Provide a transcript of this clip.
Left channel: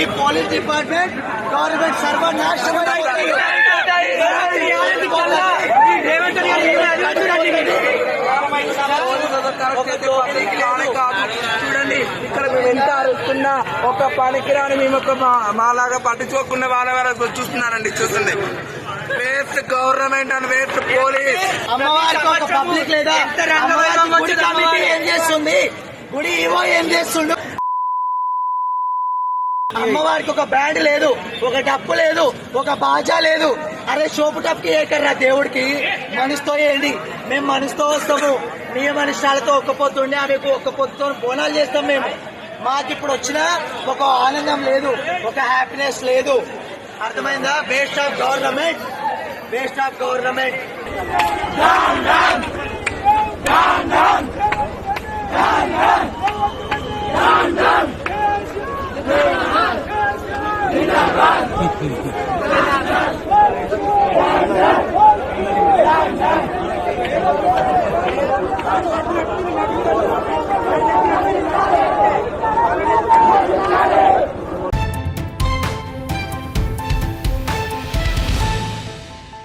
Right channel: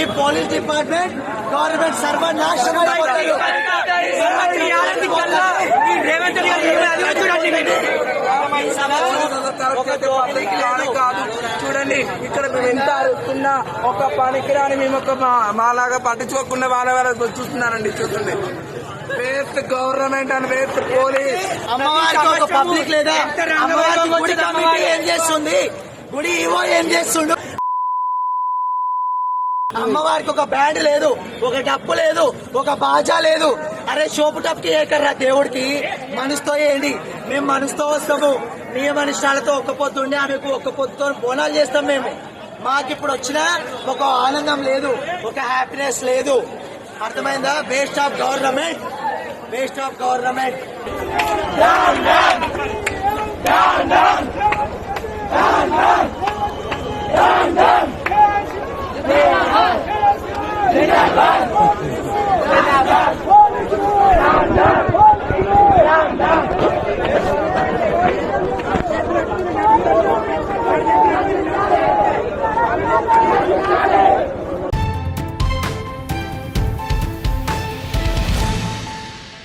ఈ police department government సర్వనాశనం చూడండి ఇక్కడ మేము ఎంత అరుస్తున్నా ఒక పనికిరాని మేము ఒక మాలాగా పట్టించుకోకుండా వాళ్ళ చూస్తున్నారండి. చూస్తుంది waste government and waste police. అమ్మవారికి ఒక పబ్లిక్ లేదా? అమ్మవారికి గుడి కమిటీ ఏం చేస్తుంది? గుడి ఈవో ఏం చేస్తుండు? అమ్మవారికి ఒక బ్యాండ్ లేదు, ఒక డప్పు లేదు, ఒక బాజా లేదు. అరే షోపు టప్కి ఏకర్రా దేవుడికి. మనసుతో ఏంటి? మేము మనసుతో వస్తాము, నియమ నిష్టాలతో ఒక్క పొద్దుండి ఆమెకు ఒక్క పొద్దుతో బోనాలు చేస్తాం. మేము మాకిప్పుడు వచ్చిన ఒక ఆనందం లేదు, ఒక హ్యాపీనెస్ లేదు. అర్థమైందా? Waste of government, waste of government. Zindabad!